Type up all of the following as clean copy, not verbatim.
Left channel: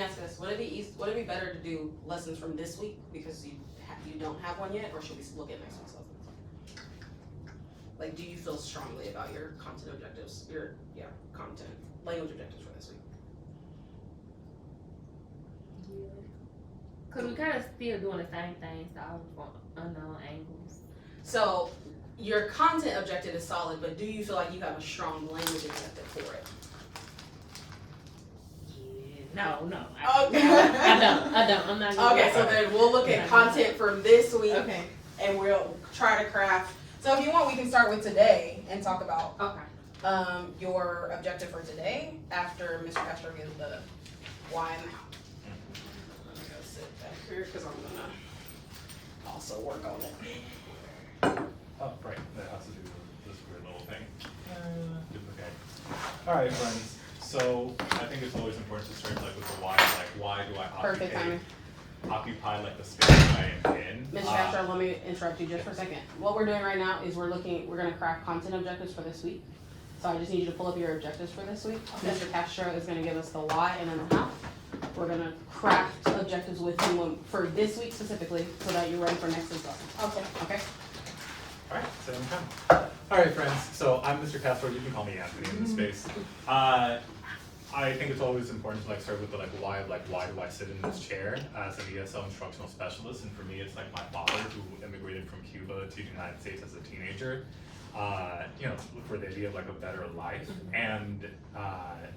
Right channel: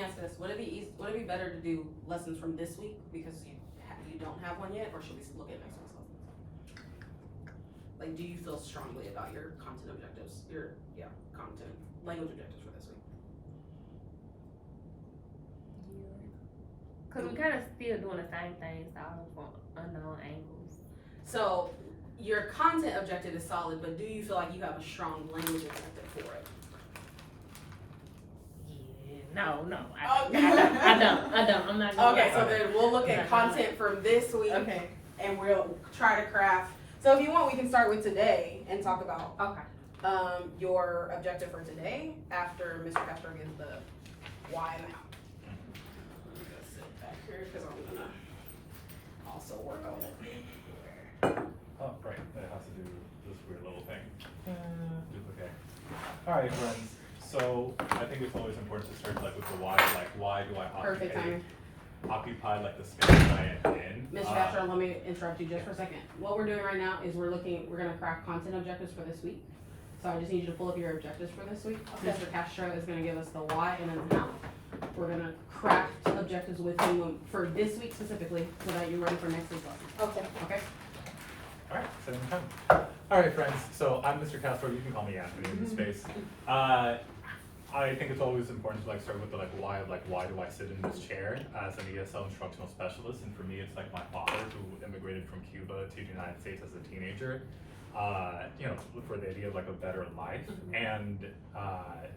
me ask this, would it be better to do lessons from this week because you don't have one yet, or should we look at next week's lessons? Like, do you feel strongly about your content objectives, content, language objectives for this week? Cause we kind of still doing the same things, all from unknown angles. So, your content objective is solid, but do you feel like you have a strong language objective for it? No. Okay. I don't. I'm not. Okay, so then we'll look at content for this week, Okay. and we'll try to craft. So if you want, we can start with today and talk about Okay. your objective for today after Mr. Castro gives the why and the how. I'm gonna sit back here because I'm gonna also work on it. Oh, right, that has to do with this weird little thing. Duplicate. Alright, friends, so I think it's always important to start like with the why, like why do I Perfect timing. occupy like the space that I am in? Mr. Castro, let me interrupt you just for a second. What we're doing right now is we're gonna craft content objectives for this week. So I just need you to pull up your objectives for this week. Okay. Mr. Castro is gonna give us the why and then the how. We're gonna craft objectives with you for this week specifically, so that you're ready for next week's lesson. Okay. Okay? Alright, so come. Alright, friends, so I'm Mr. Castro, you can call me Anthony in this space. I think it's always important to like start with the why do I sit in this chair as an ESL instructional specialist, and for me it's like my father who immigrated from Cuba to the United States as a teenager, for the idea of like a better life, and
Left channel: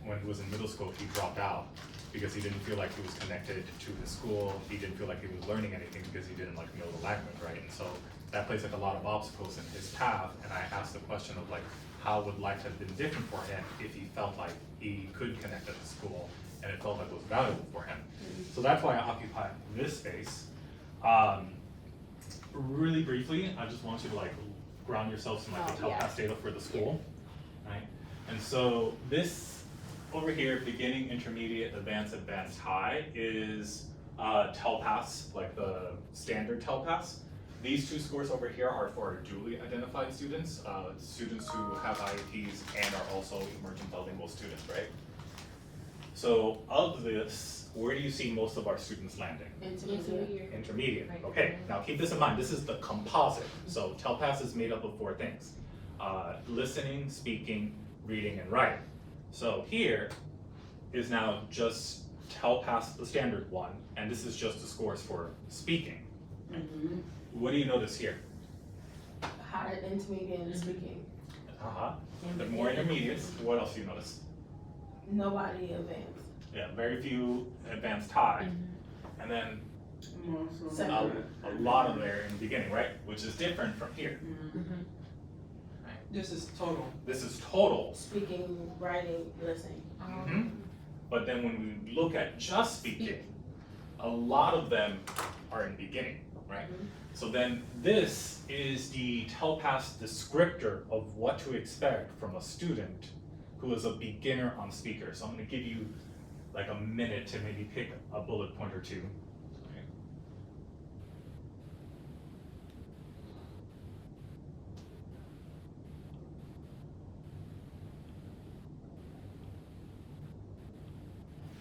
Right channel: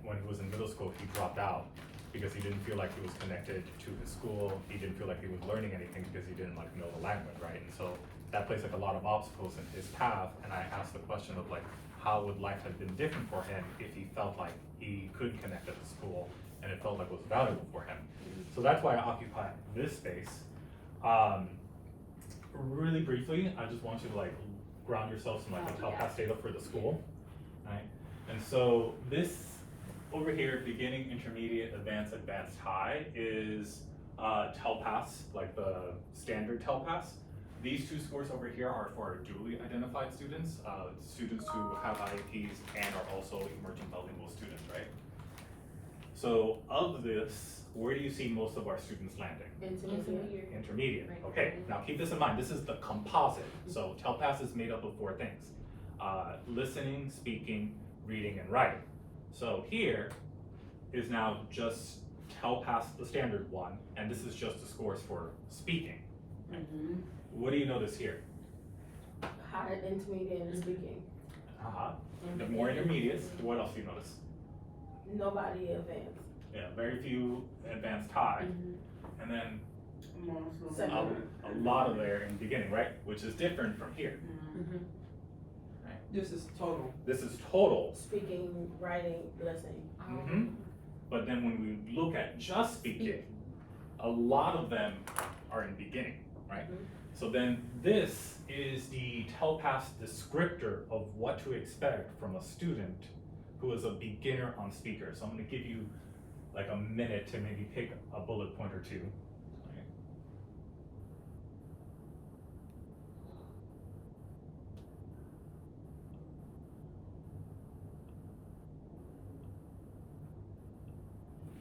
when he was in middle school he dropped out because he didn't feel like he was connected to his school, he didn't feel like he was learning anything because he didn't like know the language, right? And so that placed like a lot of obstacles in his path, and I asked the question of like, how would life have been different for him if he felt like he could connect at the school and it felt like it was valuable for him? So that's why I occupy this space. Really briefly, I just want you to like ground yourselves in like the TELPAS data for the school, right? And so this over here, beginning, intermediate, advanced, advanced, high, is TELPAS, like the standard TELPAS. These two scores over here are for dually identified students, students who have IEPs and are also emerging bilingual students, right? So of this, where do you see most of our students landing? Intermediate. Okay, now keep this in mind, this is the composite. So TELPAS is made up of 4 things. Listening, speaking, reading, and writing. So here is now just TELPAS, the standard one, and this is just the scores for speaking. Mm-hmm. What do you notice here? High, intermediate, and speaking. The more intermediates, what else do you notice? Nobody advanced. Yeah, very few advanced high, and then a lot of there in the beginning, right? Which is different from here. Right? This is total. This is total. Speaking, writing, listening. But then when we look at just speaking, a lot of them are in beginning, right? So then this is the TELPAS descriptor of what to expect from a student who is a beginner on speaker. So I'm gonna give you like a minute to maybe pick a bullet point or two. Okay.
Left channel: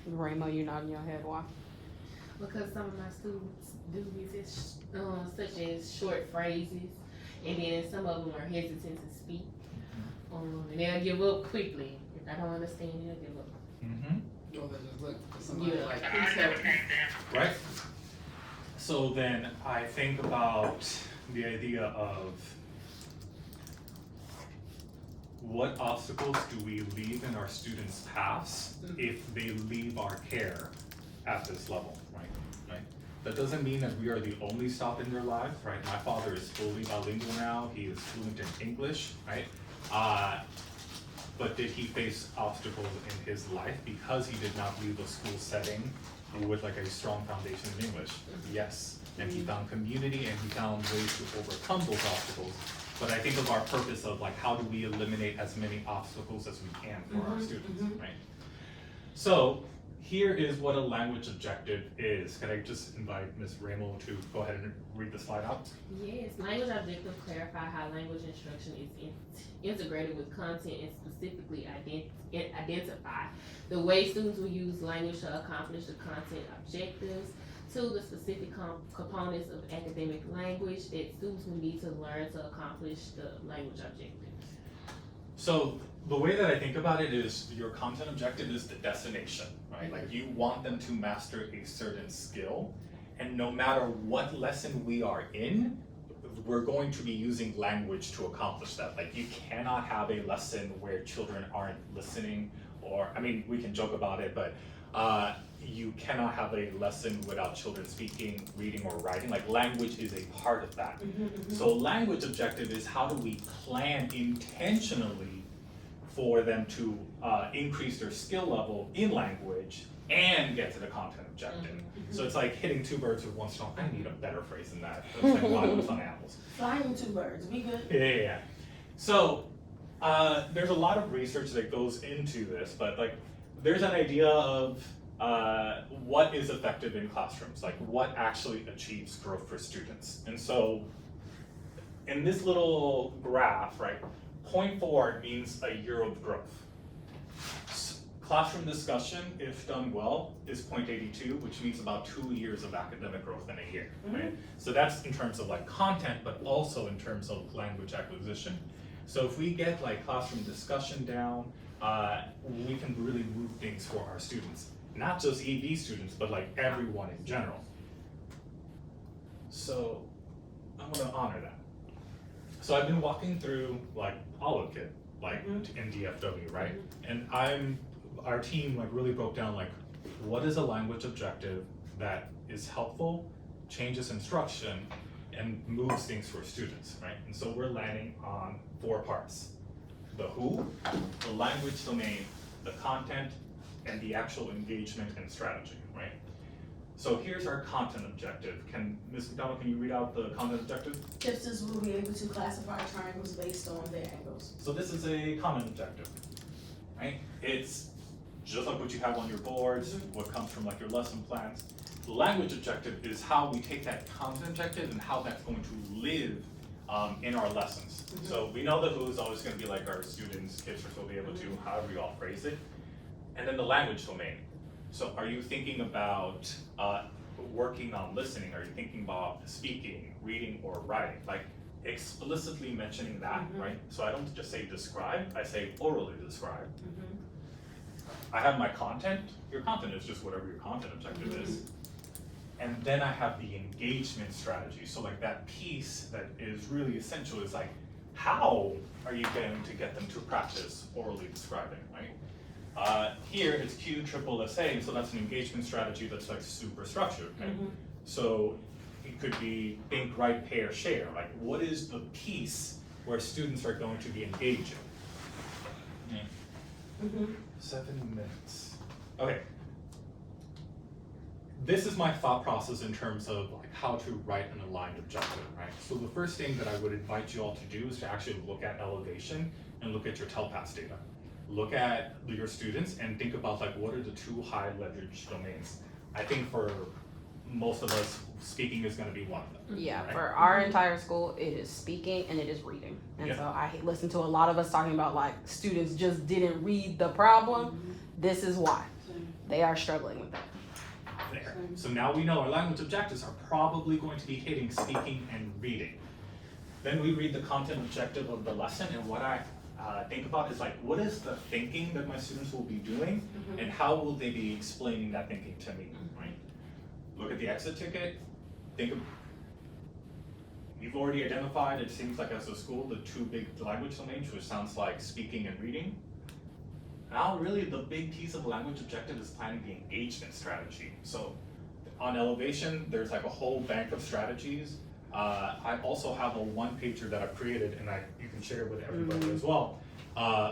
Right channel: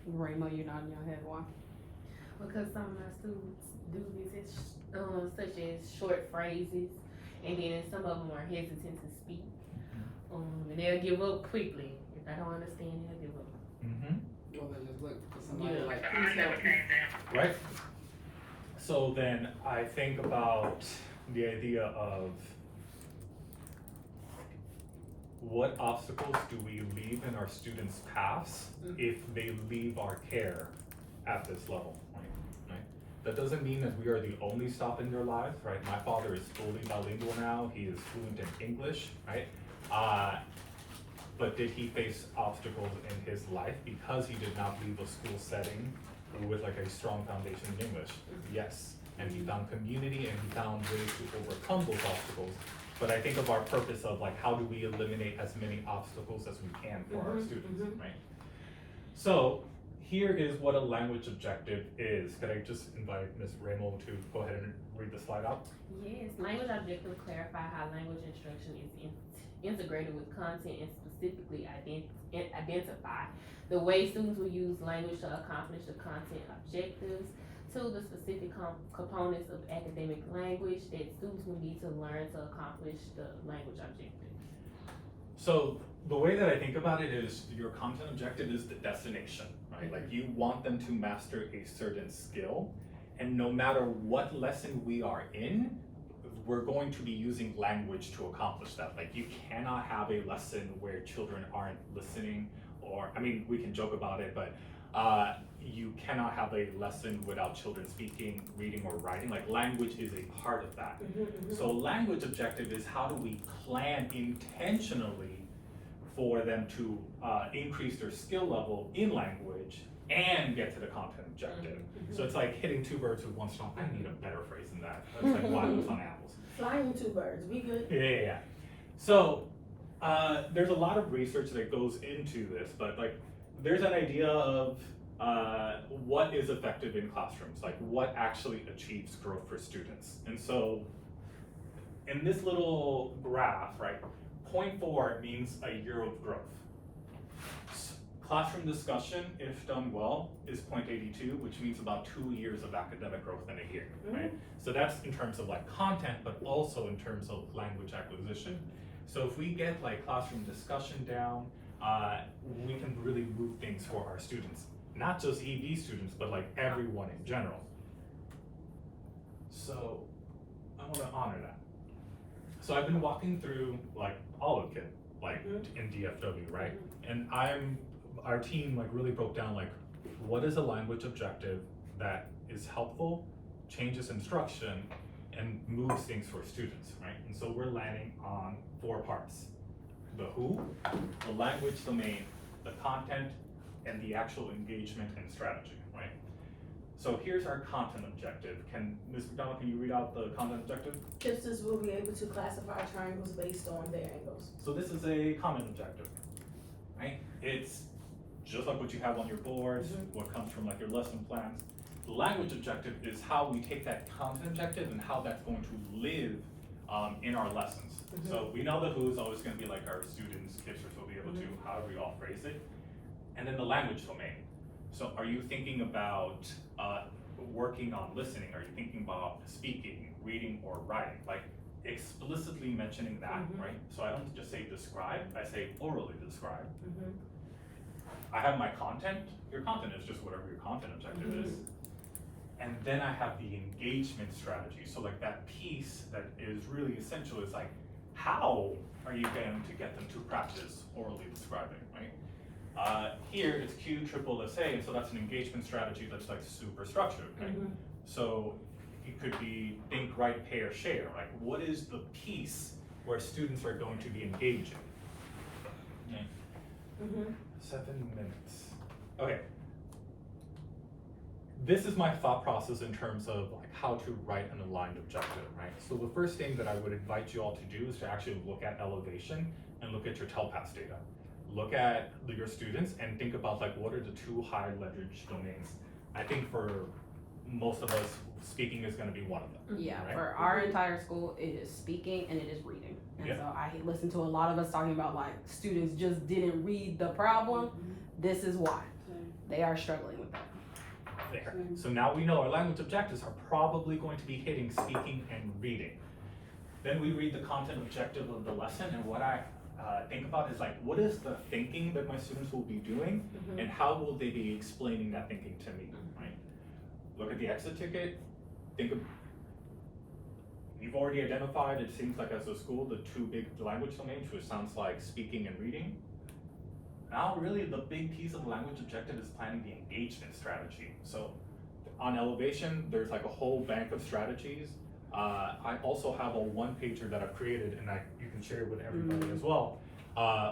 Ramo, you nodding your head, why? Because some of my students do resist, such as short phrases, and then some of them are hesitant to speak. And they'll give up quickly. If I don't understand, they'll give up. Or they just look for somebody Yeah. like, please help me. Right? So then I think about the idea of what obstacles do we leave in our students' paths if they leave our care at this level, right? That doesn't mean that we are the only stop in their lives, right? My father is fully bilingual now, he is fluent in English, right? But did he face obstacles in his life because he did not leave a school setting with like a strong foundation in English? Yes, and he found community and he found ways to overcome those obstacles. But I think of our purpose of like, how do we eliminate as many obstacles as we can for our students, right? So here is what a language objective is. Can I just invite Ms. Ramo to go ahead and read the slide out? Yes, language objectives clarify how language instruction is integrated with content and specifically identify the way students will use language to accomplish the content objectives. Two, the specific components of academic language that students will need to learn to accomplish the language objectives. So the way that I think about it is your content objective is the destination, right? Like you want them to master a certain skill, and no matter what lesson we are in, we're going to be using language to accomplish that. Like you cannot have a lesson where children aren't listening, or, I mean, we can joke about it, but you cannot have a lesson without children speaking, reading, or writing. Like language is a part of that. So language objective is how do we plan intentionally for them to increase their skill level in language and get to the content objective. So it's like hitting two birds with one stone. I need a better phrase than that. That's like wild on apples. Flying two birds, we good? Yeah. So there's a lot of research that goes into this, but like there's an idea of what is effective in classrooms, like what actually achieves growth for students. And so in this little graph, right, 0.4 means a year of growth. Classroom discussion, if done well, is 0.82, which means about 2 years of academic growth in a year, right? So that's in terms of like content, but also in terms of language acquisition. So if we get like classroom discussion down, we can really move things for our students. Not just EB students, but like everyone in general. So I want to honor that. So I've been walking through like Olive Kit, like in DFW, right? And our team like really broke down like what is a language objective that is helpful, changes instruction, and moves things for students, right? And so we're landing on 4 parts: the who, the language domain, the content, and the actual engagement and strategy, right? So here's our content objective. Ms. McDonald, can you read out the content objective? Tipsters will be able to classify triangles based on their angles. So this is a common objective, right? It's just like what you have on your boards, what comes from like your lesson plans. The language objective is how we take that content objective and how that's going to live in our lessons. So we know the who is always going to be like our students, tipsters will be able to, however you all phrase it. And then the language domain. So are you thinking about working on listening? Are you thinking about speaking, reading, or writing? Like explicitly mentioning that, right? So I don't just say describe, I say orally describe. I have my content. Your content is just whatever your content objective is. And then I have the engagement strategy. So like that piece that is really essential is like, how are you going to get them to practice orally describing, right? Here it's QSSA, so that's an engagement strategy that's like super structured, right? So it could be think, write, pair, share. Like what is the piece where students are going to be engaging? 7 minutes. Okay. This is my thought process in terms of like how to write an aligned objective, right? So the first thing that I would invite you all to do is to actually look at elevation and look at your TELPAS data. Look at your students and think about like what are the 2 high leverage domains. I think for most of us, speaking is going to be one of them. Yeah, right? for our entire school, it is speaking and it is reading. And Yeah. so I listen to a lot of us talking about like students just didn't read the problem. This is why they are struggling with that. There. So now we know our language objectives are probably going to be hitting speaking and reading. Then we read the content objective of the lesson, and what I think about is like, what is the thinking that my students will be doing, and how will they be explaining that thinking to me, right? Look at the exit ticket, think of, you've already identified, it seems like as a school, the 2 big language domains, which sounds like speaking and reading. Now really the big piece of the language objective is planning the engagement strategy. So on elevation, there's like a whole bank of strategies. I also have a 1-pager that I've created, and you can share it with everybody as well,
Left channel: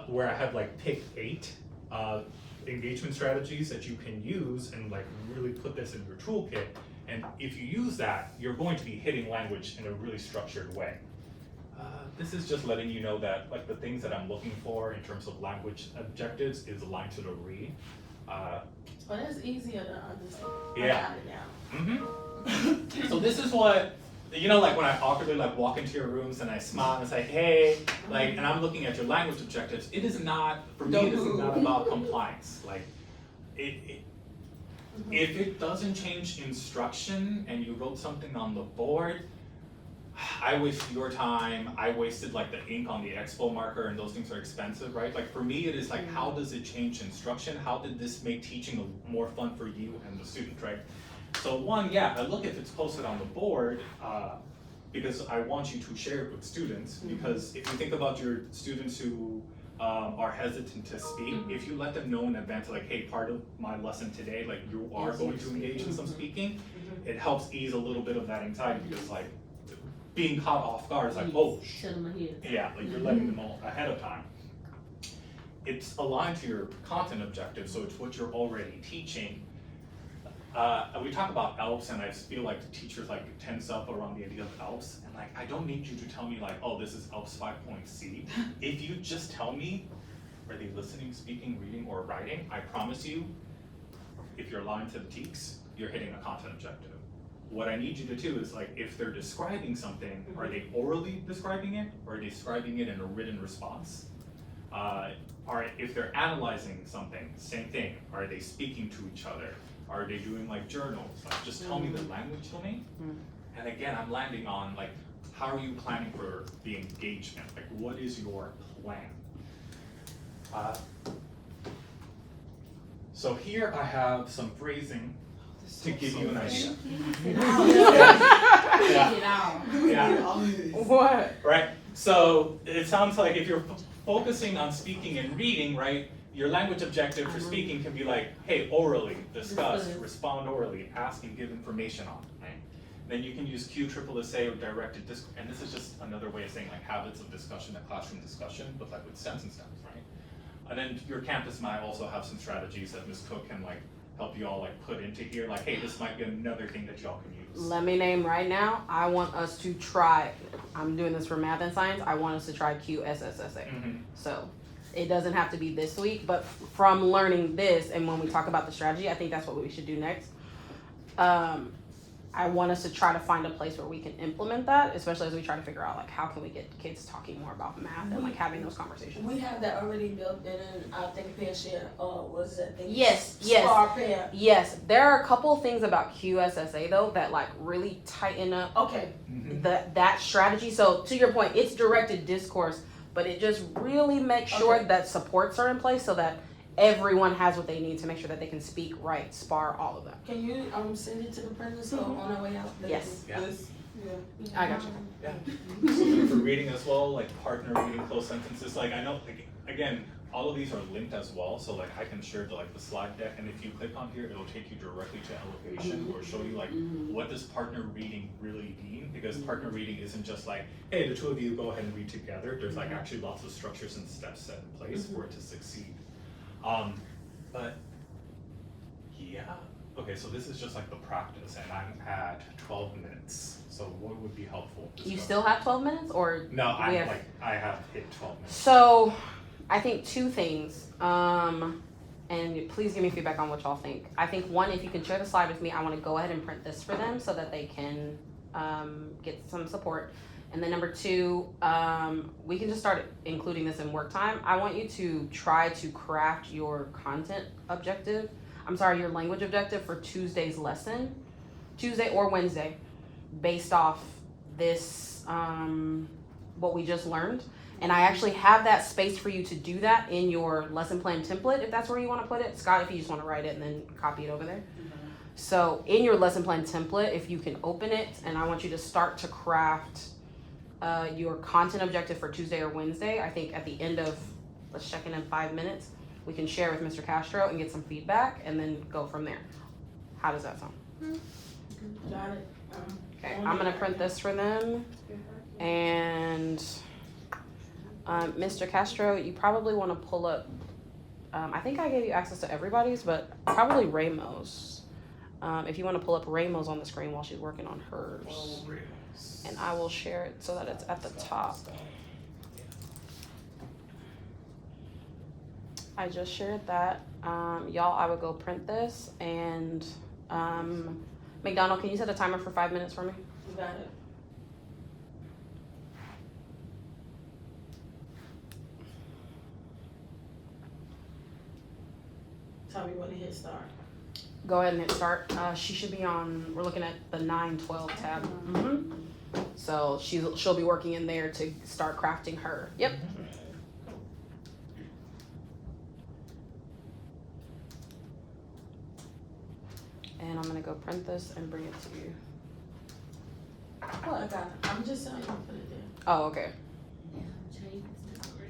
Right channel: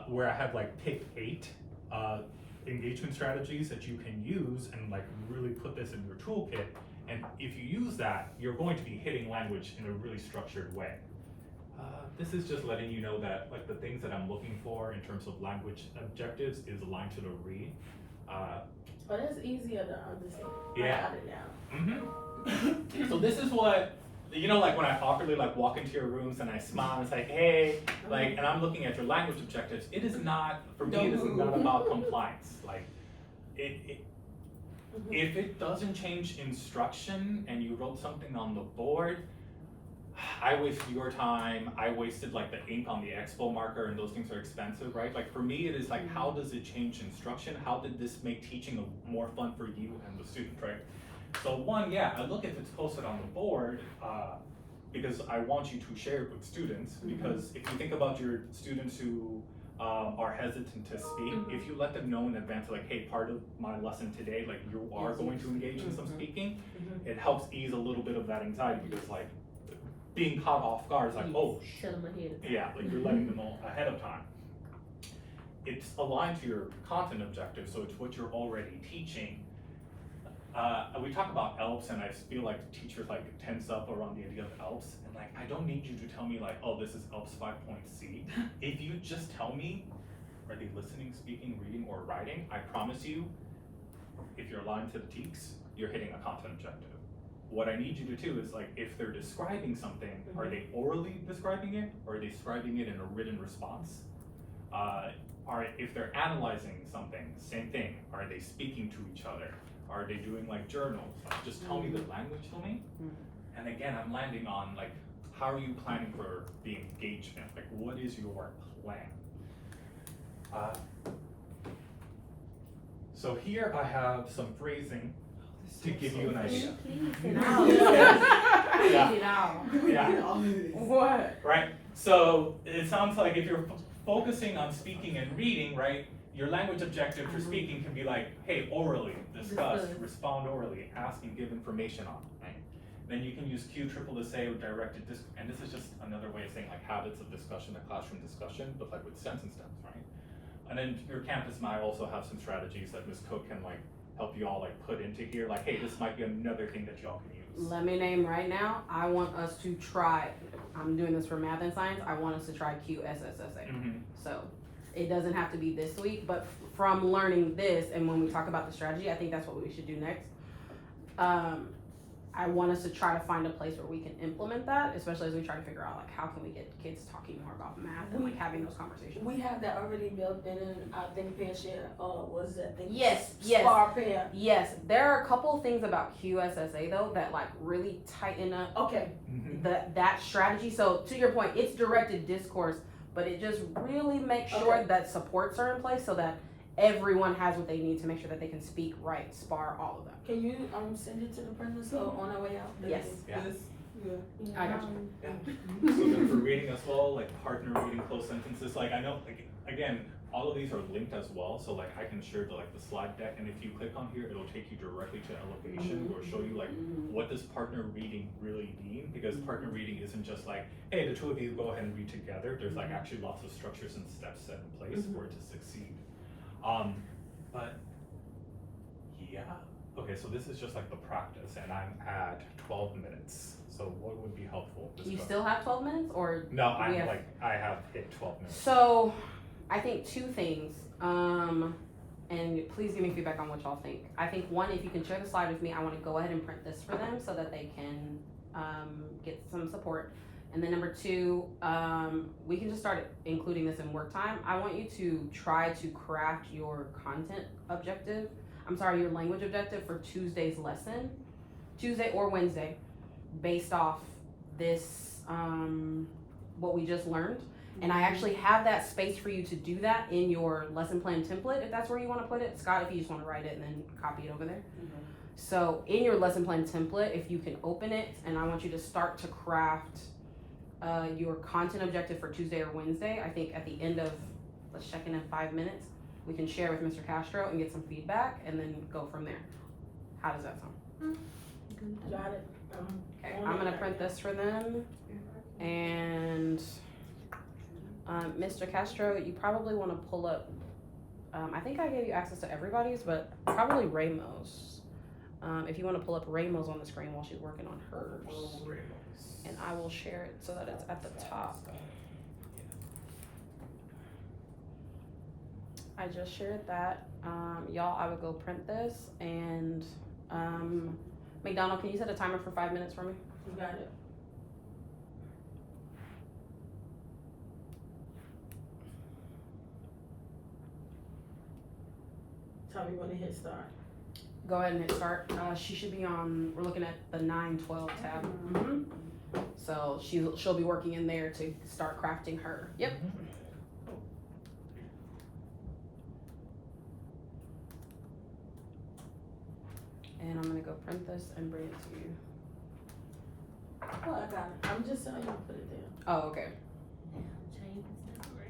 where I have like pick 8 engagement strategies that you can use and like really put this in your toolkit. And if you use that, you're going to be hitting language in a really structured way. This is just letting you know that like the things that I'm looking for in terms of language objectives is aligned to the read. Well, that's easier to understand. Yeah. I got it now. Mm-hmm. So this is what, you know, like when I awkwardly like walk into your rooms and I smile and it's like, hey, like, and I'm looking at your language objectives. It is not, for me, it is not about compliance. Like, if it doesn't change instruction and you wrote something on the board, I wasted your time, I wasted like the ink on the expo marker, and those things are expensive, right? Like for me, it is like, how does it change instruction? How did this make teaching more fun for you and the student, right? So one, yeah, I look if it's posted on the board, because I want you to share it with students, because if you think about your students who are hesitant to speak, if you let them know in advance, like, hey, part of my lesson today, like you are going to engage in some speaking, it helps ease a little bit of that anxiety, because like, being caught off guard is like, oh, Tell them ahead. yeah, like you're letting them know ahead of time. It's aligned to your content objective, so it's what you're already teaching. We talk about ELPS, and I feel like teachers like tense up around the idea of ELPS, and like, I don't need you to tell me like, oh, this is ELPS 5.C. If you just tell me, are they listening, speaking, reading, or writing, I promise you, if you're aligned to the TEKS, you're hitting a content objective. What I need you to do is like, if they're describing something, are they orally describing it, or are they describing it in a written response? If they're analyzing something, same thing. Are they speaking to each other? Are they doing like journals? Like, just tell me the language domain. And again, I'm landing on like, how are you planning for the engagement? Like, what is your plan? So here I have some phrasing to give you an idea. Yeah. What? Right? So it sounds like if you're focusing on speaking and reading, right, your language objective for speaking can be like, hey, orally, discuss, respond orally, ask and give information on, right? Then you can use QSSA or directed discourse, and this is just another way of saying like habits of discussion, a classroom discussion, but like with sense and stems, right? And then your campus might also have some strategies that Ms. Cook can like help you all like put into here, like, hey, this might be another thing that y'all can use. Let me name right now. I want us to try. I'm doing this for math and science. I want us to try QSSA. So it doesn't have to be this week, but from learning this, and when we talk about the strategy, I think that's what we should do next. I want us to try to find a place where we can implement that, especially as we try to figure out like how can we get kids talking more about math and like having those conversations. We have that already built in our Think Pair Share, what is that thing? Yes. Spar Pair. Yes, there are a couple things about QSSA though that like really tighten up Okay, that strategy. So to your point, it's directed discourse, but it just really makes sure Okay. that supports are in place so that everyone has what they need to make sure that they can speak, write, spar, all of that. can you send it to the printer so on our way out? Yes. Yeah. I got you. Yeah. So then for reading as well, like partner reading, close sentences, like I know, like, again, all of these are linked as well, so like I can share the slide deck, and if you click on here, it'll take you directly to Elevation, or show you like, what does partner reading really mean? Because partner reading isn't just like, hey, the two of you go ahead and read together. There's like actually lots of structures and steps set in place for it to succeed. But yeah, okay, so this is just like the practice, and I'm at 12 minutes. So what would be helpful? You still have 12 minutes or? No, we have- I have hit 12 minutes. So, I think two things, and please give me feedback on what y'all think. I think one, if you can share the slide with me, I wanna go ahead and print this for them so that they can, get some support. And then number two, we can just start including this in work time. I want you to try to craft your content objective, your language objective for Tuesday's lesson, Tuesday or Wednesday, based off this, what we just learned. And I actually have that space for you to do that in your lesson plan template, if that's where you wanna put it. Scott, if you just wanna write it and then copy it over there. So in your lesson plan template, if you can open it, and I want you to start to craft your content objective for Tuesday or Wednesday. I think at the end of, let's check in 5 minutes, we can share with Mr. Castro and get some feedback and then go from there. How does that sound? Got it. Okay, I'm gonna print this for them. And Mr. Castro, you probably wanna pull up, I think I gave you access to everybody's, but probably Raymo's. If you wanna pull up Raymo's on the screen while she's working on hers. And I will share it so that it's at the top. I just shared that. Y'all, I would go print this and, McDonald, can you set a timer for 5 minutes for me? You got it. Tell me when to hit start. Go ahead and hit start. She should be on, we're looking at the 9/12 tab. So she'll be working in there to start crafting her. Yep. And I'm gonna go print this and bring it to you. Oh, I got it. I'm just saying, I'm gonna put it there. Oh, okay. Change this number.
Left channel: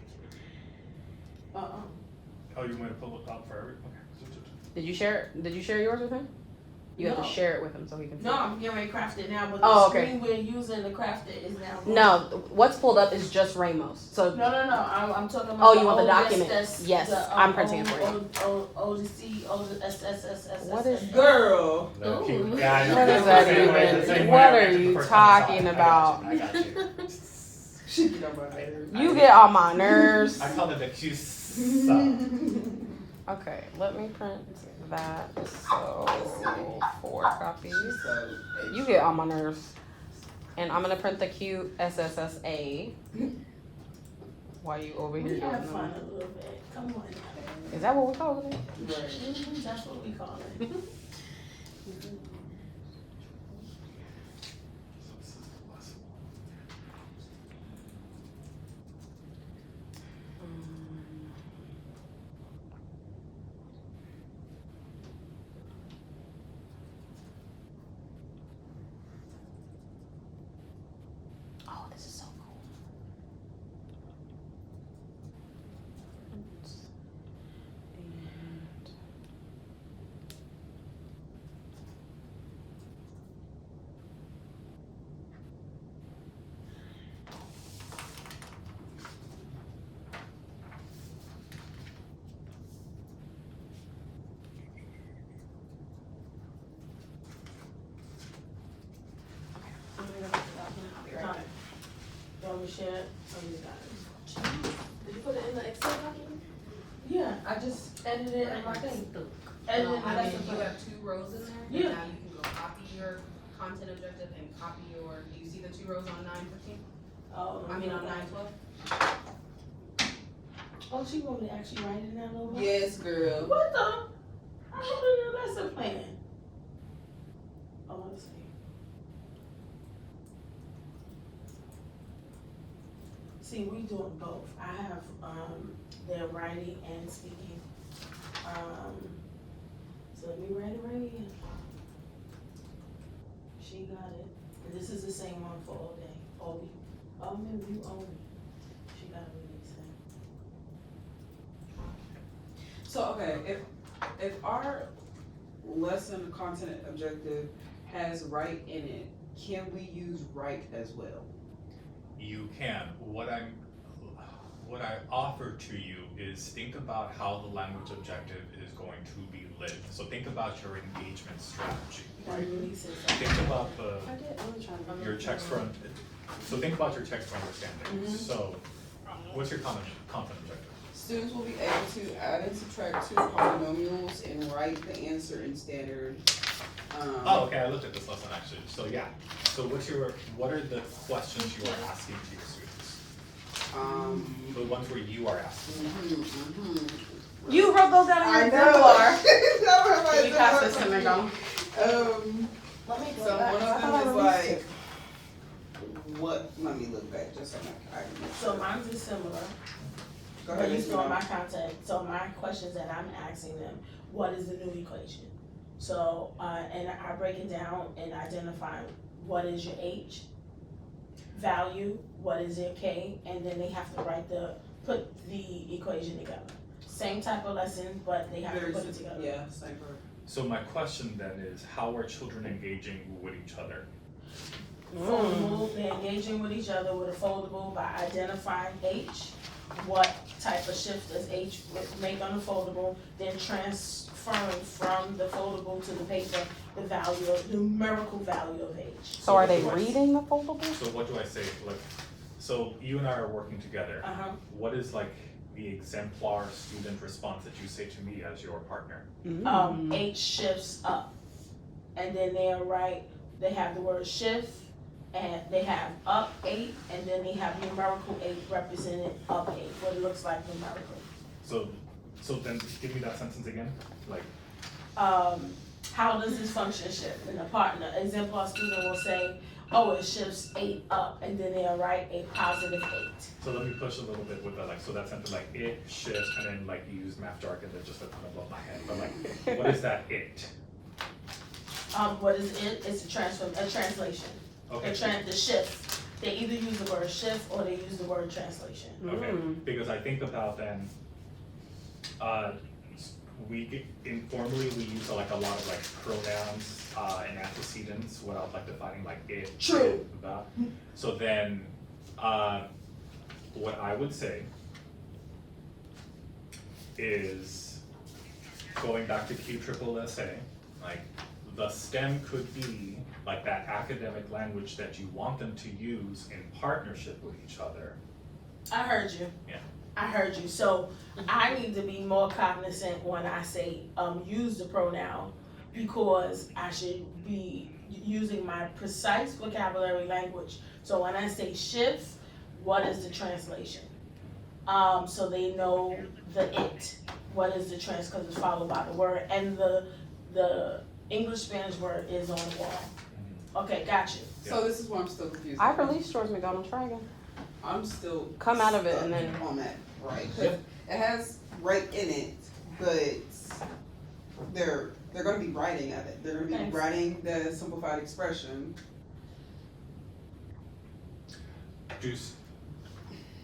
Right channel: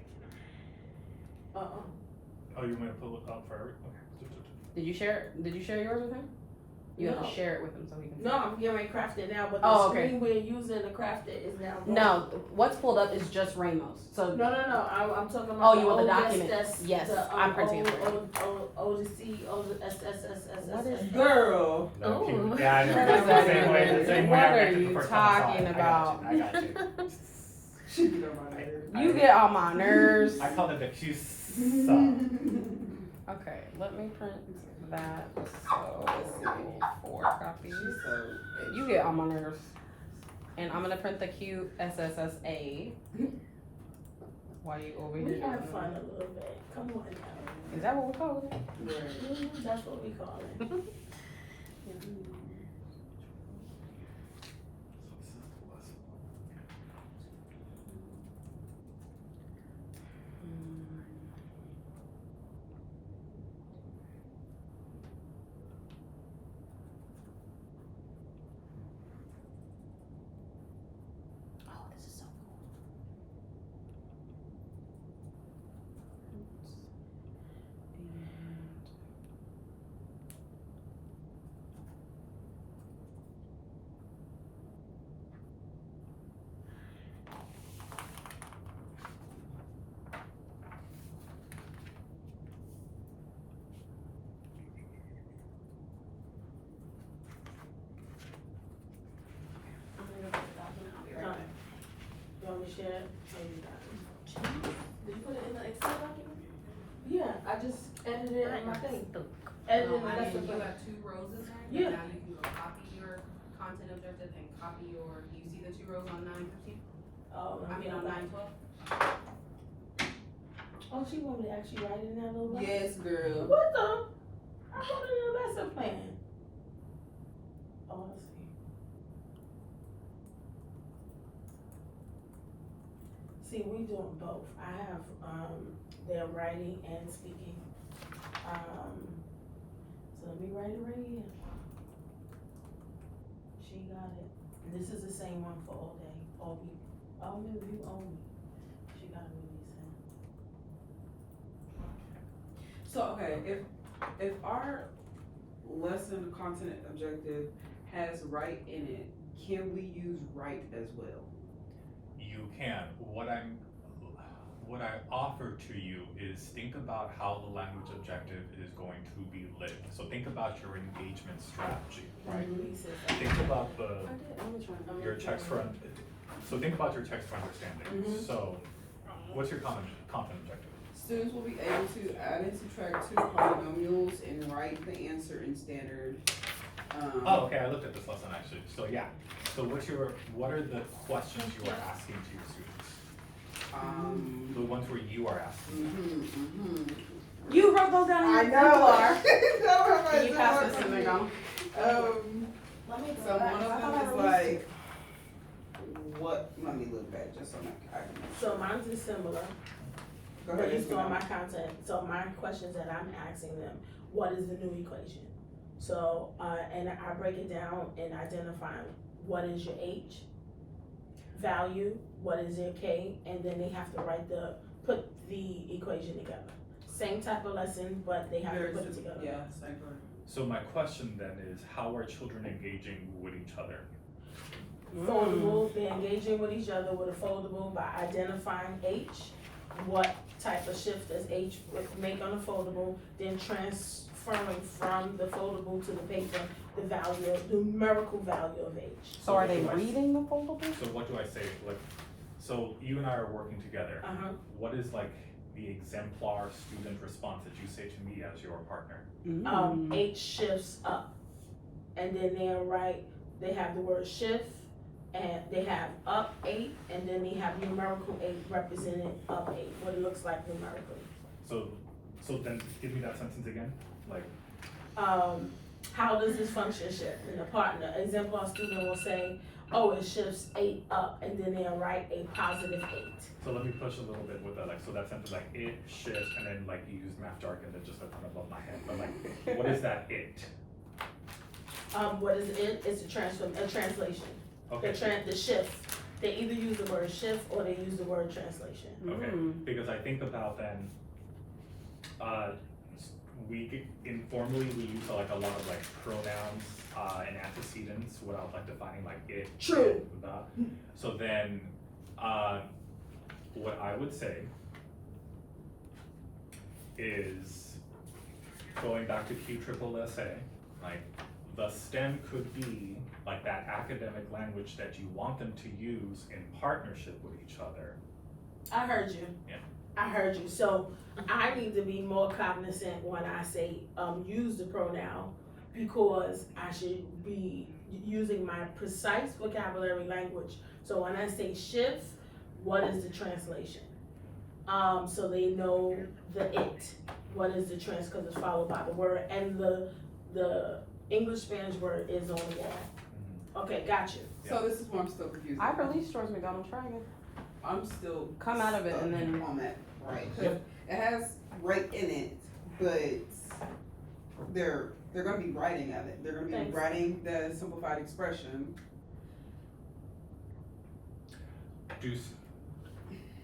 Oh, you want me to pull it up for every, okay. Did you share yours with him? You have No. to share it with him so he can see. No, I'm getting ready to craft it now, but Oh, the okay. screen we're using to craft it is now. No, what's pulled up is just Ramos. So No, I'm talking about. Oh, you want the old document? SS, Yes, the, I'm printing it for you. Odyssey, SSSS. What is- Girl. No, keep- Ooh. yeah, I know. What That's is the that same way. even? The same way What I are read it the you first time I saw it. talking about? I got you. She get on my nerves. You get on my nerves. I call it the Q's. Okay, let me print that. So 4 copies. You get on my nerves. And I'm gonna print the cute SSSA. While you over here We doing have them. fun a little bit. Come on now. Is that what we call it? That's what we call it. Oh, this is so cool. And I'll be right back. You want me to share it? Oh, you got it. Did you put it in the Excel document? Yeah, I just edited it in my thing. No, Edited in the I lesson mean, you plan. have 2 rows in there. Yeah. Now you can go copy your content objective and copy your, do you see the 2 rows on 9/15? Oh, I mean on 9/12? Oh, she want me to actually write it in that little box? Yes, girl. What the? I wrote it in the lesson plan. Oh, let's see. See, we doing both. I have, their writing and speaking. So let me write it right here. She got it. And this is the same one for all day. Obi. You own it. She got it released then. So, okay, if our lesson content objective has write in it, can we use write as well? You can. What I offer to you is think about how the language objective is going to be lit. So think about your engagement strategy, right? Releases. Think about I did, I'm trying to. your checks for, so think about your checks for understanding. So what's your content objective? Students will be able to add and subtract 2 polynomials and write the answer in standard. Oh, okay, I looked at this lesson actually. So yeah, so what are the questions you are asking to your students? The ones where you are asking. You wrote those down in I your know. exemplar. Can you pass this to McDonald? Let me So go back. one of them I is thought I like, released let me look back just so I can. it. So mine's is similar, Go but ahead, you Ms. still my Minogue. content, so my questions that I'm asking them, what is the new equation? So, and I break it down and identify what is your H value, what is your K, and then they have to put the equation together. Same type of lesson, but they have to Very put it simple. together. Yeah, same for. So my question then is, how are children engaging with each other? Foldable, they're engaging with each other with a foldable by identifying H. What type of shift does H make on a foldable, then transferring from the foldable to the paper, the value, numerical value of H. So are what they do I- reading the foldable? So what do I say? Like, so you and I are working together. Uh-huh. What is like the exemplar student response that you say to me as your partner? 8 shifts up. And then they have the word shift, and they have up 8, and then they have numerical 8 represented up 8, what it looks like numerically. So then give me that sentence again, like, How does this function shift? And the partner, exemplar student will say, oh, it shifts 8 up, and then they'll write a positive 8. so let me push a little bit with that, like, so that sentence, like, it shifts, and then like you use math jargon that just went kind of above my head, but like, what is that it? What is it? It's a translation. Okay, The shift. They either use the word shift or they use the word translation. okay, because I think about then, informally, we use like a lot of like pronouns, and antecedents without like defining like it. True. it, that. So then, what I would say is, going back to QSSSA, like, the STEM could be like that academic language that you want them to use in partnership with each other. I heard you. Yeah. I heard you. So I need to be more cognizant when I say use the pronoun, because I should be using my precise vocabulary language. So when I say shift, what is the translation? So they know the it. What is the because it's followed by the word, and the English Spanish word is on the wall. Okay, gotcha. So this is what I'm still confused. I released George McDonald's Dragon. I'm still Come out of it and stuck then- on that, right? 'Cause it has right in it, but they're gonna be writing at it. They're gonna be Thanks. writing the simplified expression.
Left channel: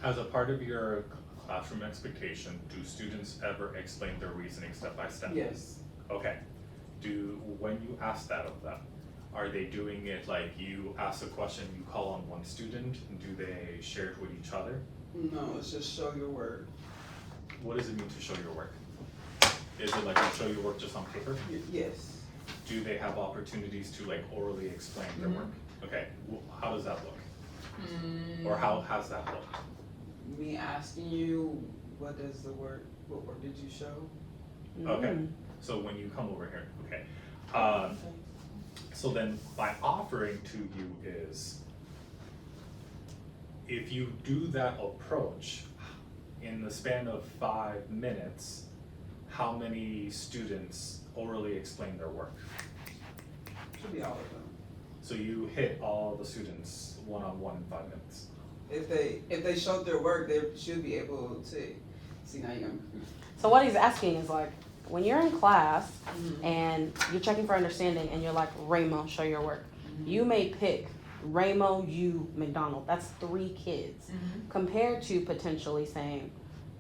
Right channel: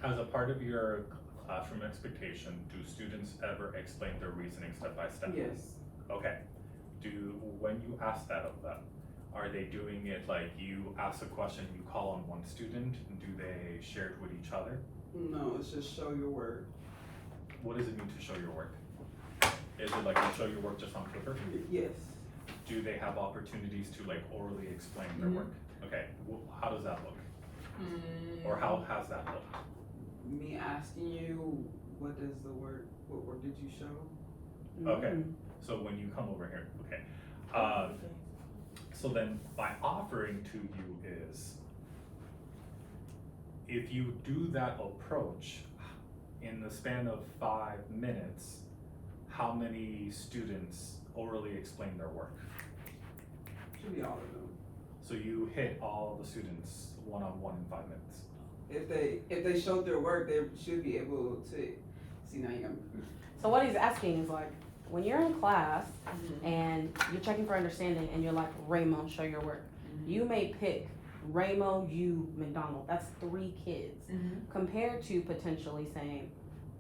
As a part of your classroom expectation, do students ever explain their reasoning step by step? Yes. Okay. When you ask that of them, are they doing it like you ask a question, you call on one student, and do they share it with each other? No, it's just show your work. What does it mean to show your work? Is it like you show your work just on paper? Yes. Do they have opportunities to like orally explain their work? Okay, how does that look? Or how has that looked? Me asking you, what word did you show? Okay, so when you come over here, okay. So then my offering to you is, if you do that approach in the span of 5 minutes, how many students orally explain their work? Should be all of them. So you hit all the students one-on-one in 5 minutes. If they showed their work, they should be able to see. Now you're confused. So what he's asking is like, when you're in class and you're checking for understanding and you're like, Ramo, show your work. You may pick Ramo, you, McDonald. That's 3 kids. Compared to potentially saying,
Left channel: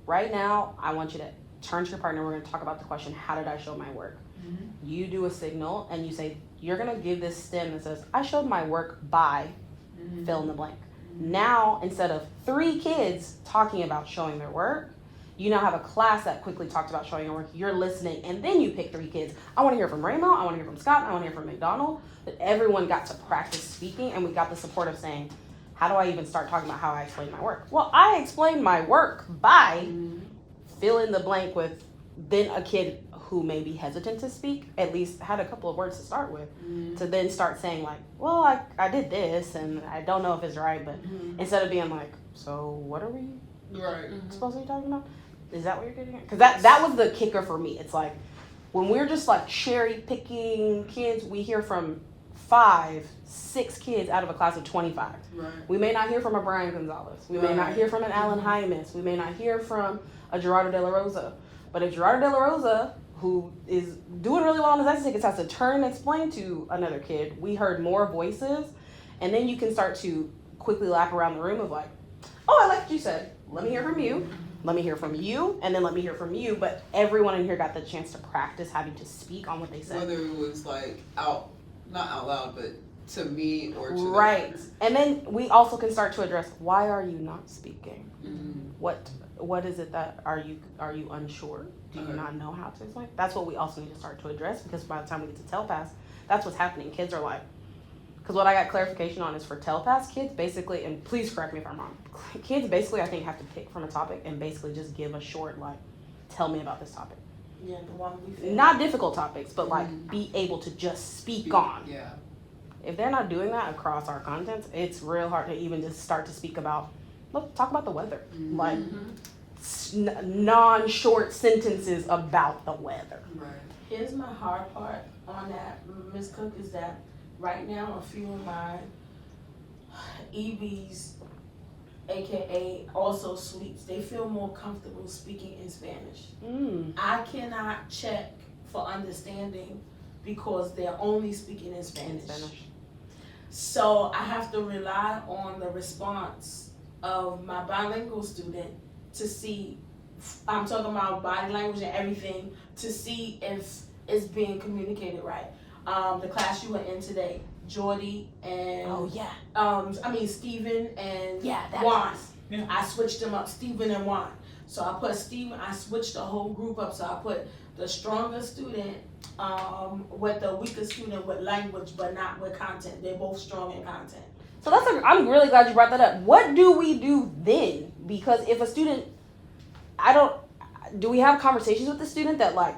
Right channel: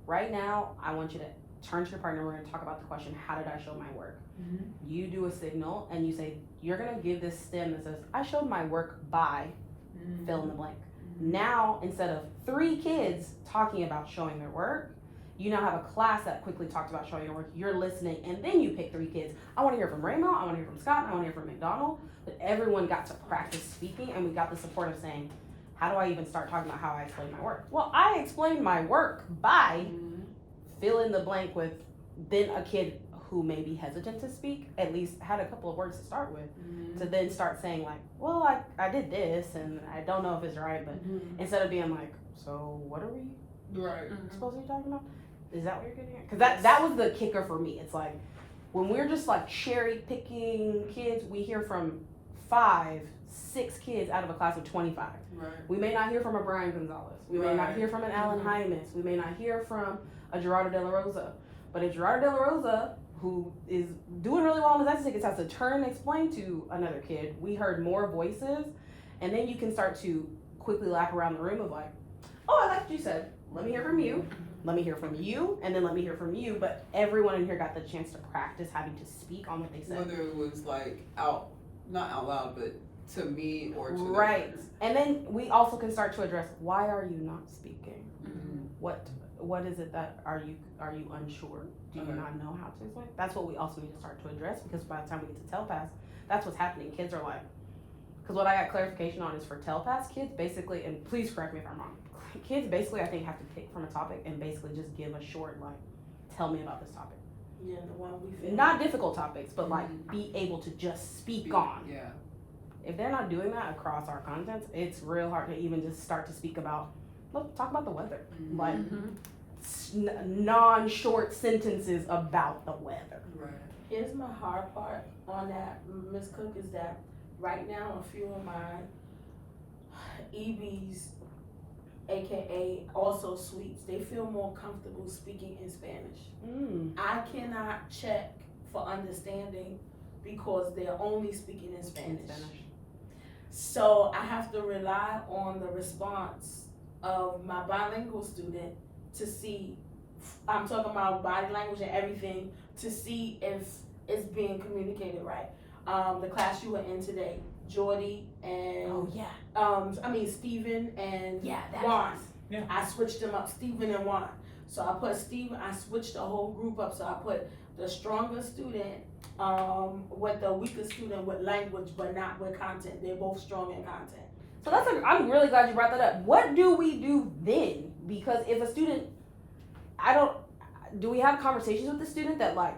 right now, I want you to turn to your partner. We're gonna talk about the question, how did I show my work? You do a signal and you say, you're gonna give this stem that says, I showed my work by fill in the blank. Now, instead of 3 kids talking about showing their work, you now have a class that quickly talked about showing your work. You're listening, and then you pick 3 kids. I want to hear from Ramo. I want to hear from Scott. And I want to hear from McDonald. But everyone got to practice speaking, and we got the support of saying, how do I even start talking about how I explain my work? Well, I explained my work by fill in the blank with then a kid who may be hesitant to speak, at least had a couple of words to start with, to then start saying like, well, I did this, and I don't know if it's right, but instead of being like, so what are we Right. supposed to be talking about? Is that what you're getting at? Because that was the kicker for me. It's like, when we're just like cherry picking kids, we hear from 5, 6 kids out of a class of 25. Right. We may not hear from a Brian Gonzalez. We may not hear from an Alan Hymas. We may not hear from a Gerardo De La Rosa. But if Gerardo De La Rosa, who is doing really well on his exit tickets, has to turn and explain to another kid, we heard more voices. And then you can start to quickly lap around the room of like, oh, I like what you said. Let me hear from you. Let me hear from you, and then let me hear from you. But everyone in here got the chance to practice having to speak on what they said. Whether it was like not out loud, but to me or to Right. And then we also can start to address, why are you not speaking? them. What is it that are you unsure? Do you Okay. not know how to explain? That's what we also need to start to address, because by the time we get to TELPAS, that's what's happening. Kids are like, Because what I got clarification on is for TELPAS kids, basically, and please correct me if I'm wrong. Kids basically, I think, have to pick from a topic and basically just give a short, like, tell me about this topic. Yeah, the one we feel. Not difficult topics, but like be able to just speak on. Yeah. If they're not doing that across our content, it's real hard to even just start to speak about, look, talk about the weather. Like, non-short sentences about the weather. Right. Here's my hard part on that, Ms. Cook, is that right now a few of my EBs, AKA also suites, they feel more comfortable speaking in Spanish. I cannot check for understanding because they're only speaking in Spanish. So I have to rely on the response of my bilingual student to see, I'm talking about body language and everything, to see if it's being communicated right. The class you were in today, Jordy and Oh yeah. Stephen and That Juan. class. Yeah. I switched them up, Stephen and Juan. So I put Stephen, I switched the whole group up. So I put the stronger student with the weaker student with language, but not with content. They're both strong in content. So I'm really glad you brought that up. What do we do then? Because if a student, do we have conversations with the student that like,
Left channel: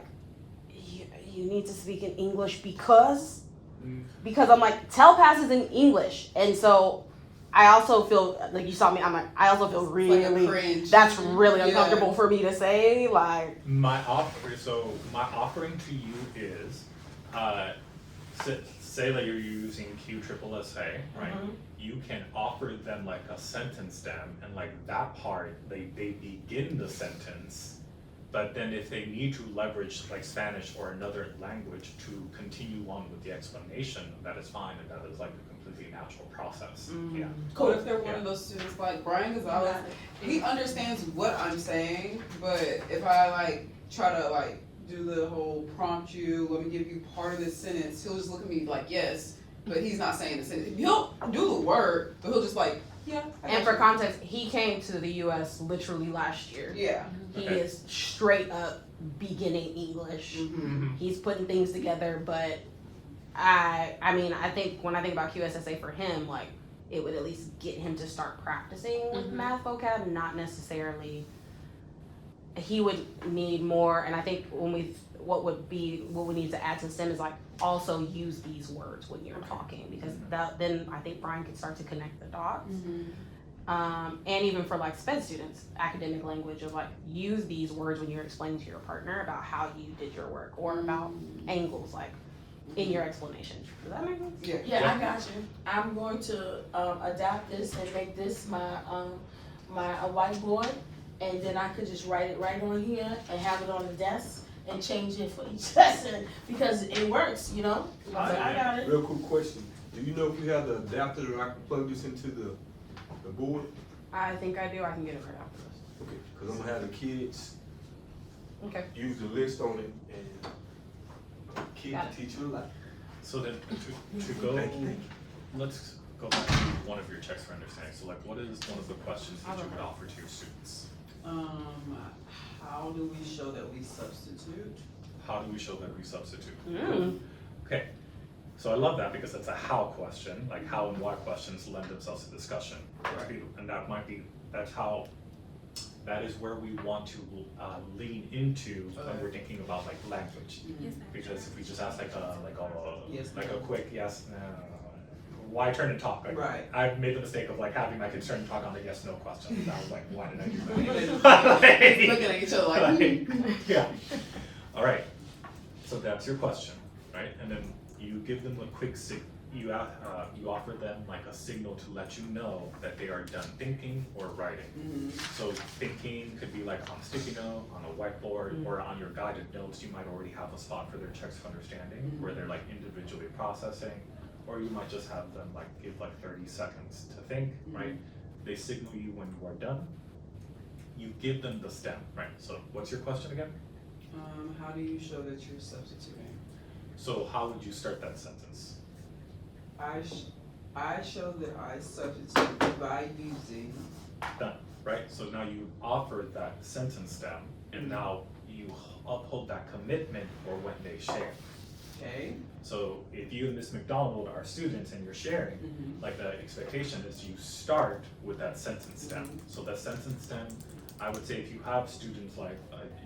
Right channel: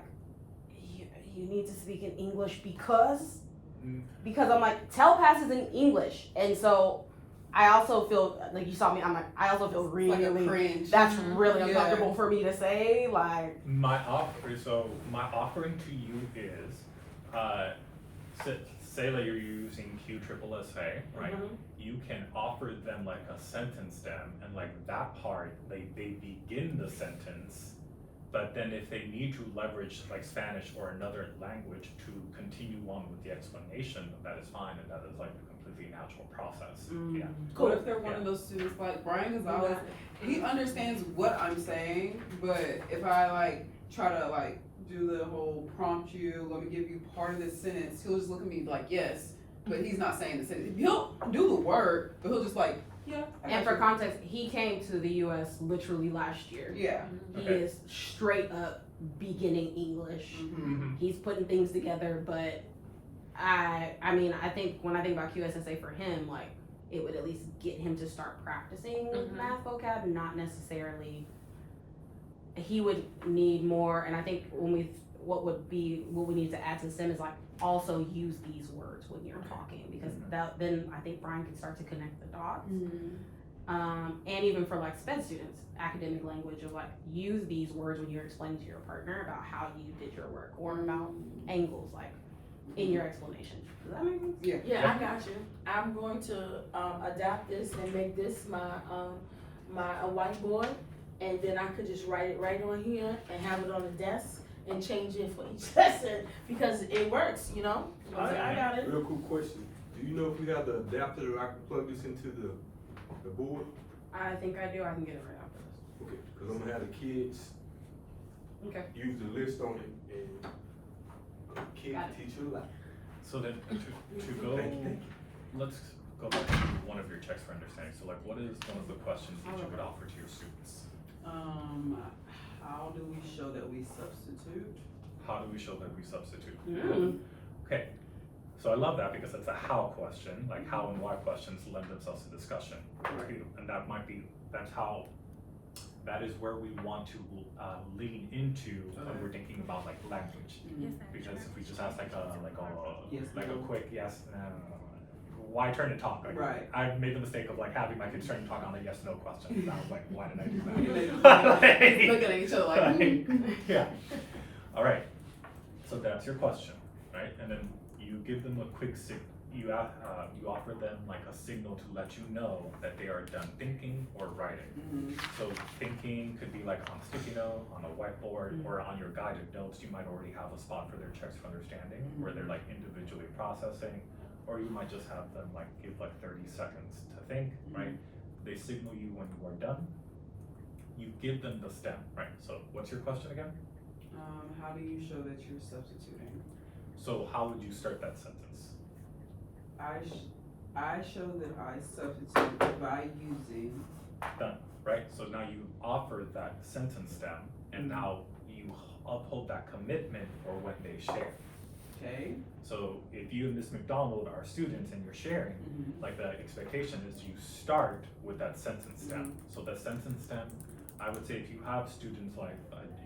you need to speak in English because I'm like, TELPAS is in English. And so I also feel, like you saw me, I'm like, I also feel really, Like a cringe. that's really Yeah. uncomfortable for me to say, like. My offering to you is, say that you're using QSSA, right? You can offer them like a sentence stem, and like that part, they begin the sentence, but then if they need to leverage like Spanish or another language to continue on with the explanation, that is fine, and that is like a completely natural process. Yeah. What if they're one of those students like Brian Gonzalez? He understands what I'm saying, but if I like try to like do the whole prompt you, let me give you part of this sentence, he'll just look at me like yes, but he's not saying the sentence. He'll do the word, but he'll just like yeah. I And got for you. context, he came to the U.S. literally last year. Yeah. He Okay. is straight up beginning English. Mm-hmm. He's putting things together, but I mean, I think when I think about QSSA for him, like, it would at least get him to start practicing with math vocab, not necessarily. He would need more, and I think what we need to add to STEM is like also use these words when you're talking, because then I think Brian can start to connect the dots. And even for like SPED students, academic language of like, use these words when you're explaining to your partner about how you did your work or about angles, like in your explanation. Does that make sense? Yeah. Yeah, I got you. I'm going to adapt this and make this my a whiteboard, and then I could just write it right on here and have it on the desk and change it for each lesson because it works, you know? I got it. Real quick question. Do you know if you have the adapter that I can plug this into the board? I think I do. I can get it right after this. Okay, cause I'm gonna have the kids Okay. use the list on it and the kid Got can teach you a lot. So then to go, Thank you. let's go back to one of your checks for understanding. So like, what is one of the questions that you would offer to your students? How do we show that we substitute? How do we show that we substitute? Mm. Okay, so I love that because it's a how question, like how and why questions lend themselves to discussion. Right. And that is where we want to lean into when we're thinking about like language. Because if we just ask Yes, like a no. quick yes, why turn and talk? Like, Right. I've made the mistake of like having my kids turn and talk on a yes no question. And I was like, why did I do Looking that? at each other like, Yeah. All right. So that's your question, right? And then you give them a quick you offer them like a signal to let you know that they are done thinking or writing. So thinking could be like on a sticky note, on a whiteboard, or on your guided notes. You might already have a spot for their checks of understanding where they're like individually processing, or you might just have them like give like 30 seconds to think, right? They signal you when you are done. You give them the stem, right? So what's your question again? how do you show that you're substituting? So how would you start that sentence? I show that I substitute by using. Done, right? So now you offered that sentence stem, and now you uphold that commitment for when they share. Okay. So if you and Miss McDonald are students and you're sharing, Mhm. like the expectation is you start with that sentence stem. So that sentence stem, I would say if you have students like,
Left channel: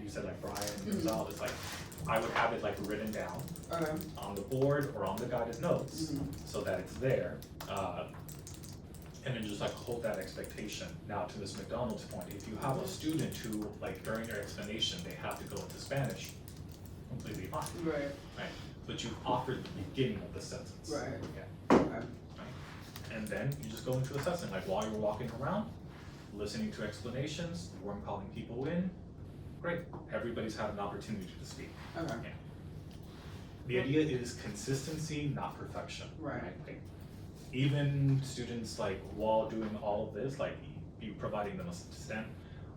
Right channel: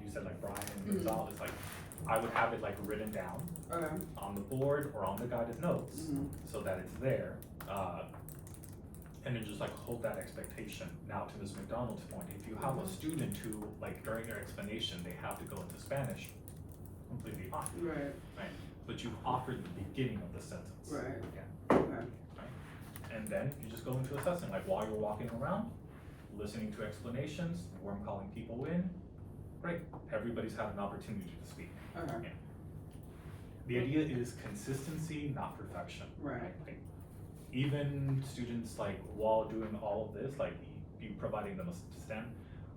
you said like Brian and Gonzalez, like, I would have it like written down Okay. on the board or on the guided notes, Mhm. so that it's there. And then just like hold that expectation. Now to Ms. McDonald's point, if you have a student who, like during their explanation, they have to go into Spanish, completely fine, Right. but you've offered the beginning of the sentence. Right. Yeah. Okay. And then you just go into assessing, like while you're walking around, listening to explanations, warm calling people in, great, everybody's had an opportunity to speak. Okay. The idea is consistency, not perfection. Right. Like, even students, like, while doing all of this, like, you providing them a STEM,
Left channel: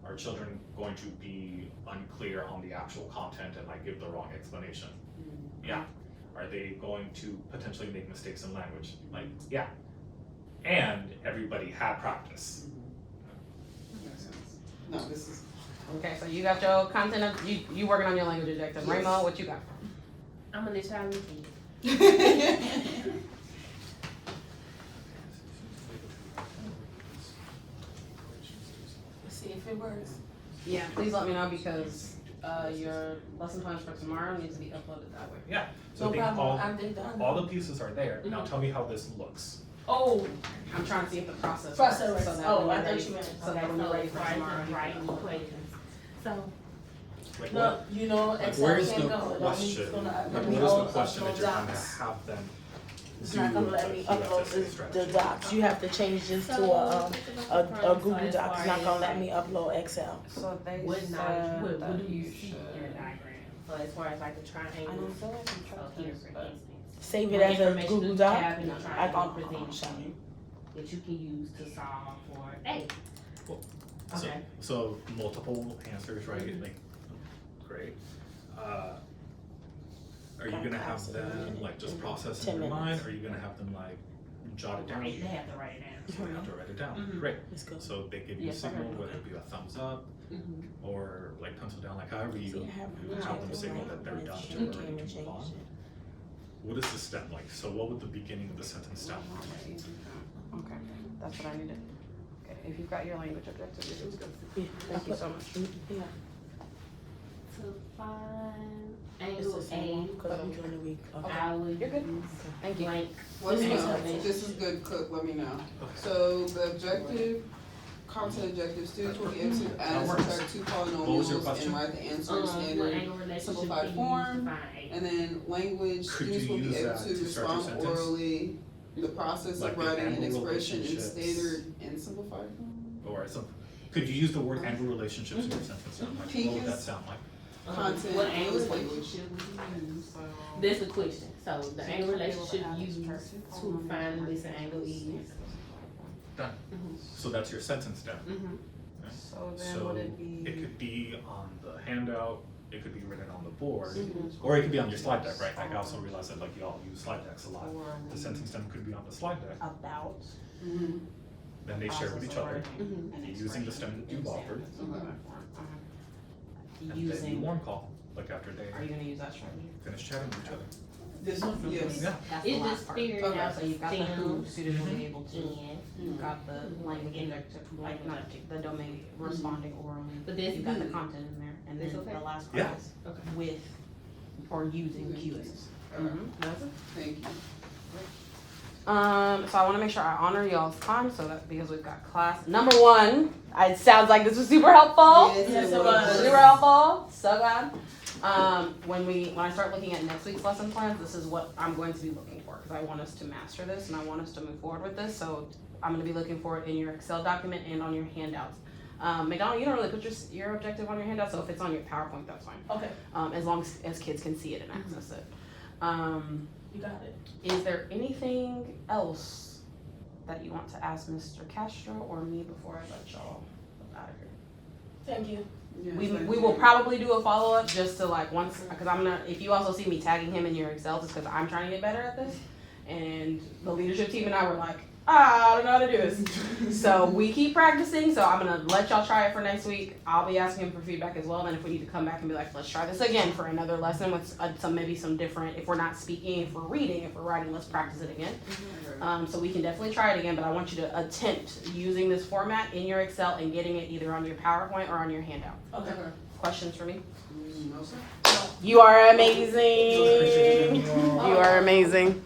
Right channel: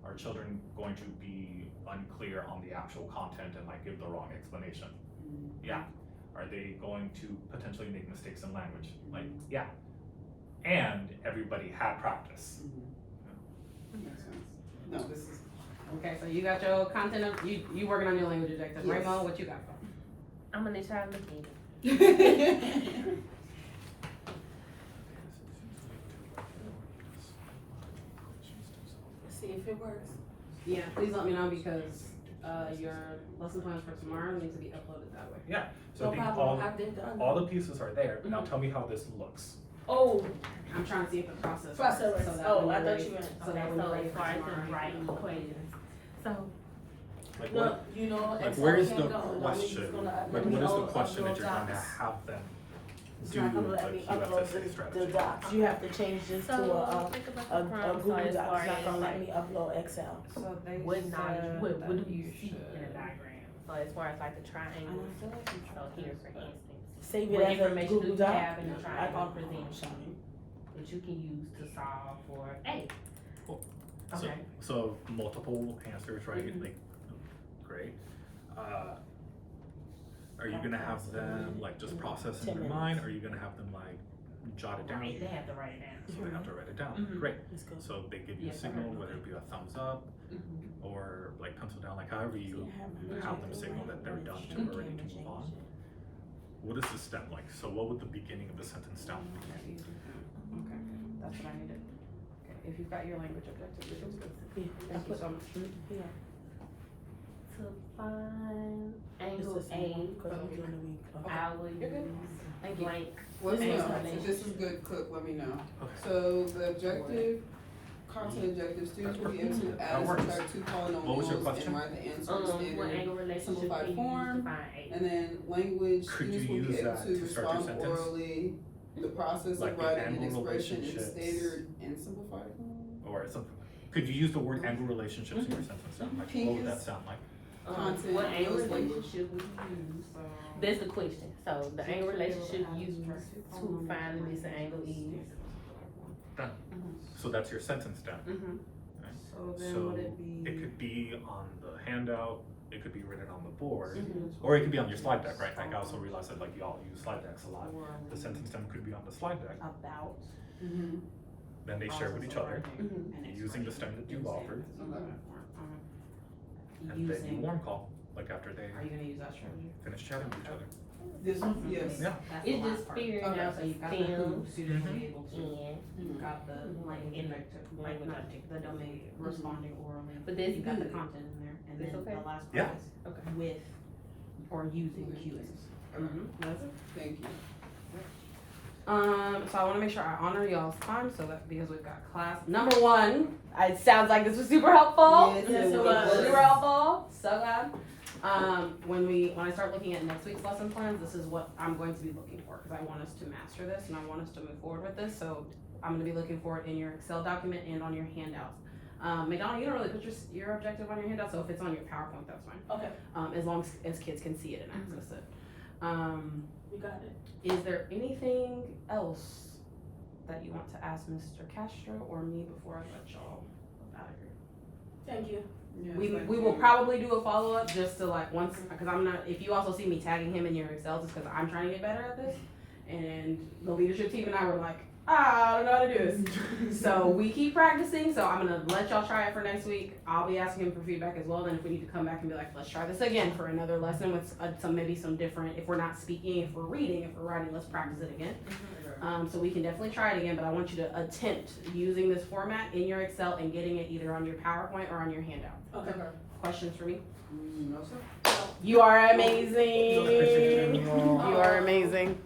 are children going to be unclear on the actual content and like give the wrong explanation? Yeah. Are they going to potentially make mistakes in language? Like, yeah. And everybody had practice. Makes sense. No, this is. Okay, so you got your content of, you working on your language objective. Yes. Raymond, what you got from? I'm gonna let y'all look at it. See if it works. Yeah, please let me know because, your lesson plans for tomorrow needs to be uploaded that way. Yeah, so No I think problem, I've been done. all the pieces are there. Now tell me how this looks. Oh, I'm trying to see if the process. Process, works, so that oh, when I we're thought ready- you meant. So that when So we're ready it's for right tomorrow. to write equations. So, Like, No, what, you know, like Excel where is can't the go. It only question? is gonna- Like, let what me is the upload question that you're gonna docs. have them It's do, not gonna but let me you have to upload say the strategy? docs. You have to change this to a Google Doc. It's not gonna let me upload Excel. So they what knowledge, said what that do you you see should. in the diagram? So as far as like the I triangle, don't feel like I'm so trying here to, for but. instance, Save what it as a information do Google you Doc. have in the I triangle can. presentation that you can use to solve for A? So, Okay. so multiple answers, right? Mhm. Like, great. Are you gonna have them like just process in 10 their minutes. mind? Or are you gonna have them like jot it down? Right, they have to write it down. So they have to write it down. Mhm. Great. Let's go. So they give you a Yes, I signal, heard. whether it be a thumbs up Mhm. or like pencil down, like however you See, I have have them signal that they're done to Okay. already move on. What is the stem like? So what would the beginning of the sentence sound like? Okay, that's what I needed. Okay, if you've got your language objective, this is good. Yeah, Thank you so much. Yeah. To find It's angle the A, same, cause I'm doing the week. I would You're good. use Thank you. blank. Let me know. Okay. This is good, Cook, let me know. Okay. So the objective, content objective, students will be able to add and That works. subtract two What was your polynomials question? and write the answer in What standard. angle relationship simplified can you use form, to find A? And then language, Could students you will be use able that to to start your respond sentence? orally, the process Like of the writing an angle expression in relationships. standard and simplified form. Or some, could you use the word angle relationships in your sentence? Sound like, what would that sound like? Content, What angle language. relationship would you use? That's the question. So the angle relationship used to find this angle is. So that's your sentence stem. Mm-hmm. So then So would it it be? could be on the handout, it could be written on the board, Mm-hmm. or it could be on your slide deck, right? Like I also realize that like y'all use slide decks a lot. The sentence stem could be on the slide deck, About. Mhm. then they share with each other, Mm-hmm. using the stem that you've offered, and then you Using, warm call, like after they are you gonna use that strategy? finish chatting with each other. This one, yes. Yeah. That's the It's last just part. figuring Okay. out So the you've got the who, STEM student will be able to, and, you've got the like injective, like not objective, the domain responding orally. but that's You got the good. content in there, and That's then okay. the last Yeah. part is Okay. with or using cues. Thank you. So I wanna make sure I honor y'all's time, so that, because we've got class. Number one, it sounds like this was super helpful. Yes, it was. Super helpful, so glad. When I start looking at next week's lesson plans, this is what I'm going to be looking for, cause I want us to master this and I want us to move forward with this, so I'm gonna be looking for it in your Excel document and on your handouts. McDonald, you don't really put your objective on your handout, so if it's on your PowerPoint, that's fine. Okay, As long as kids can see it and access it. you got it. Is there anything else that you want to ask Mr. Castro or me before I let y'all out of here? Thank you. Yes, We thank will you. probably do a follow-up just to like once, because I'm not, if you also see me tagging him in your Excel, it's because I'm trying to get better at this. And the leadership team and I were like, I don't know how to do this. So we keep practicing, so I'm gonna let y'all try it for next week. I'll be asking him for feedback as well, then if we need to come back and be like, let's try this again for another lesson with maybe some different, if we're not speaking, if we're reading, if we're writing, let's practice it again. So we can definitely try it again, but I want you to attempt using this format in your Excel and getting it either on your PowerPoint or on your handout. Okay. Questions for me? No, sir. You are amazing. You are amazing.